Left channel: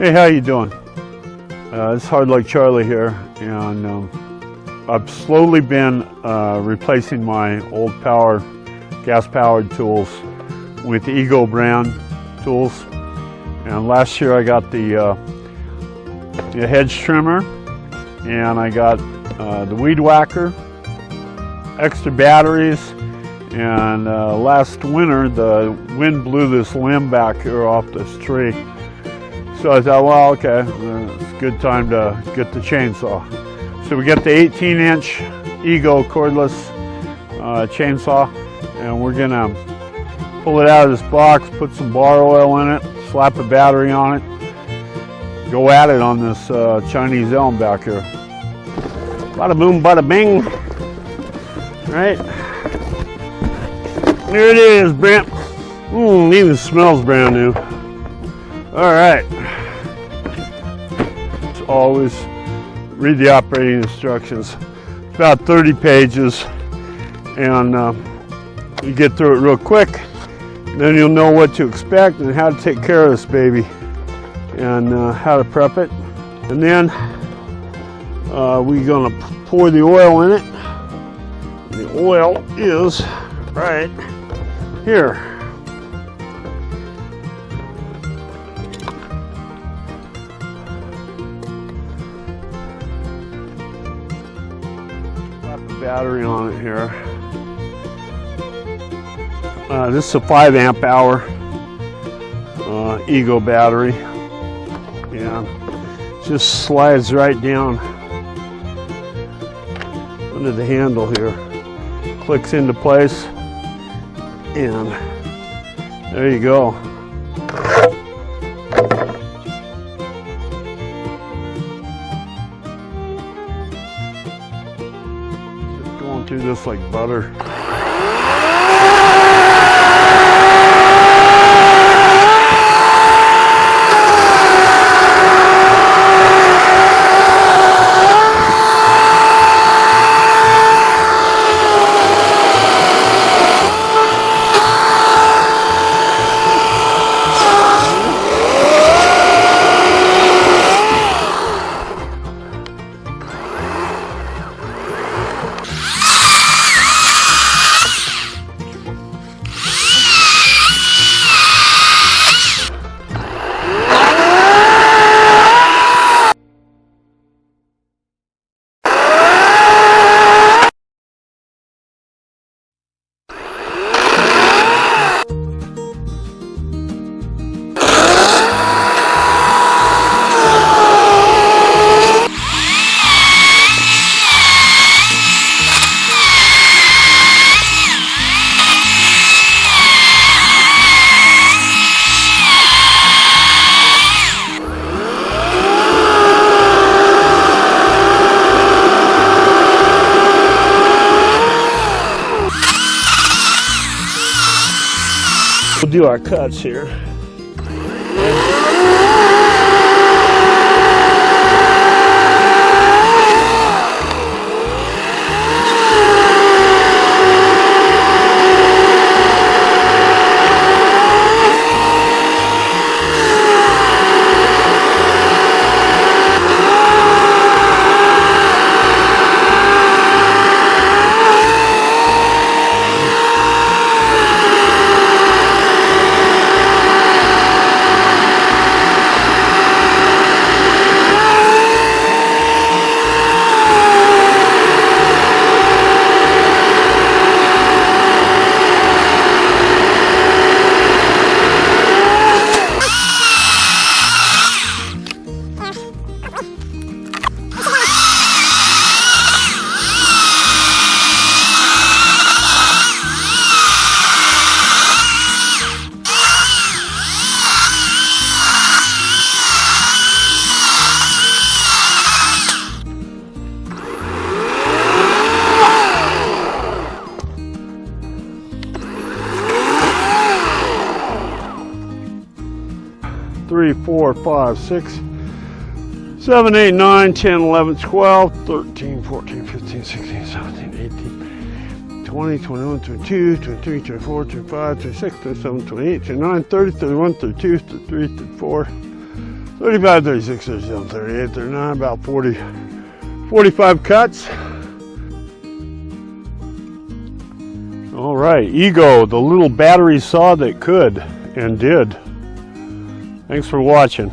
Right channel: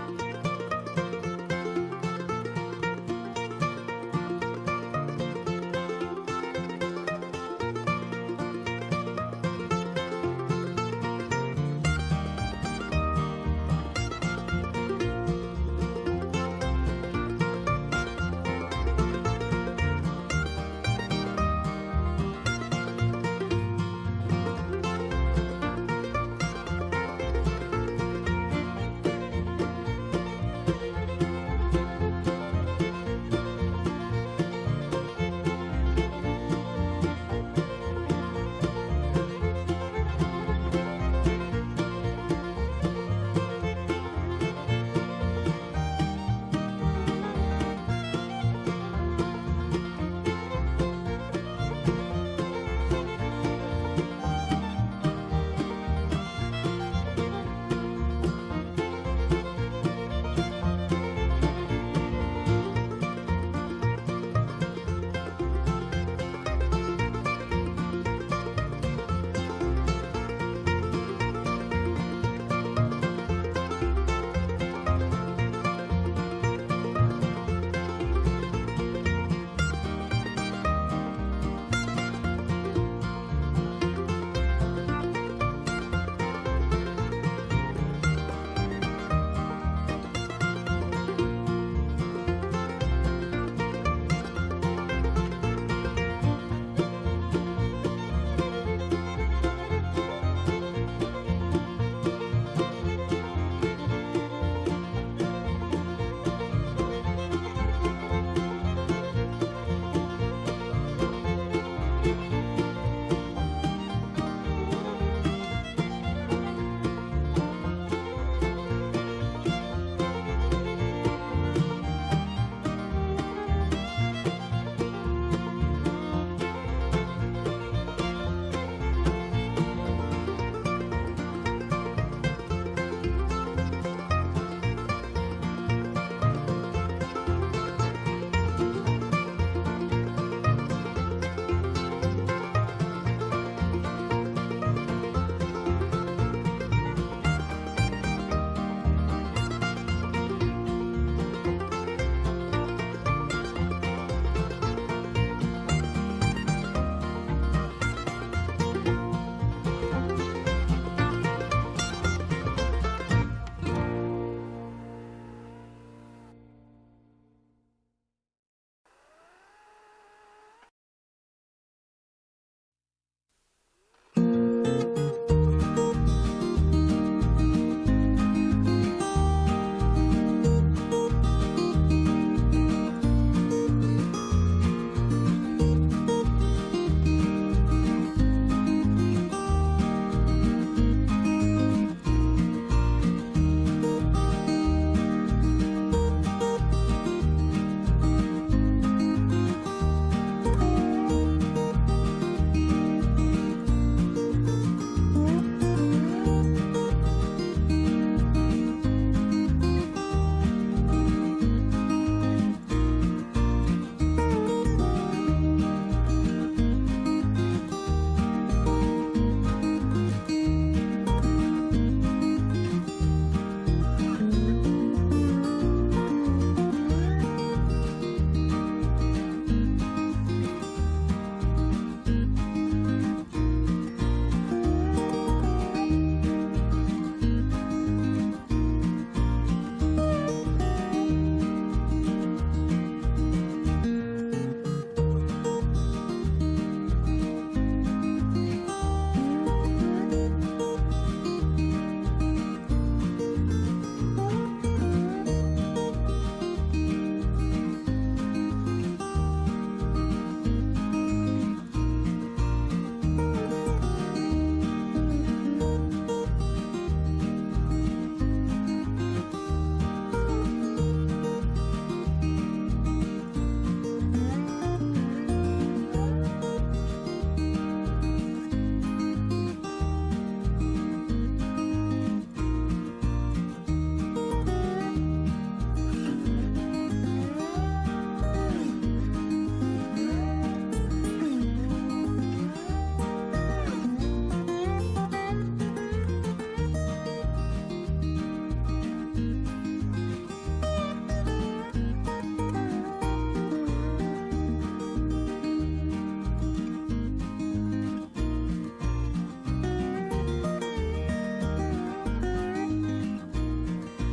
Hey, how you doing? It's HardluckCharlie here, and I've slowly been replacing my old gas-powered tools with Eagle brand tools. And last year I got the hedge trimmer, and I got the weed whacker, extra batteries, and last winter the wind blew this limb back here off this tree. So I thought, well, okay, it's a good time to get the chainsaw. So we get the 18-inch Eagle cordless chainsaw, and we're gonna pull it out of this box, put some bar oil in it, slap a battery on it, go at it on this Chinese elm back here. Bada boom, bada bing. Right? There it is, Brent. Even smells brand new. All right. As always, read the operating instructions. It's about 30 pages, and you get through it real quick. Then you'll know what to expect and how to take care of this baby, and how to prep it. And then we're gonna pour the oil in it. The oil is right here. Battery on it here. This is a 5 amp hour Eagle battery. Yeah, just slides right down under the handle here, clicks into place, and there you go. Do this like butter. We'll do our cuts here. Three, 4, 5, 6, 7, 8, 9, 10, 11, 12, 13, 14, 15, 16, 17, 18, 20, 21, 22, 23, 24, 25, 26, 27, 28, 29, 30, 31, 32, 33, 34, 35, 36, 37, 38, 39, about 40, 45 cuts. All right, Ego, the little battery saw that could and did. Thanks for watching.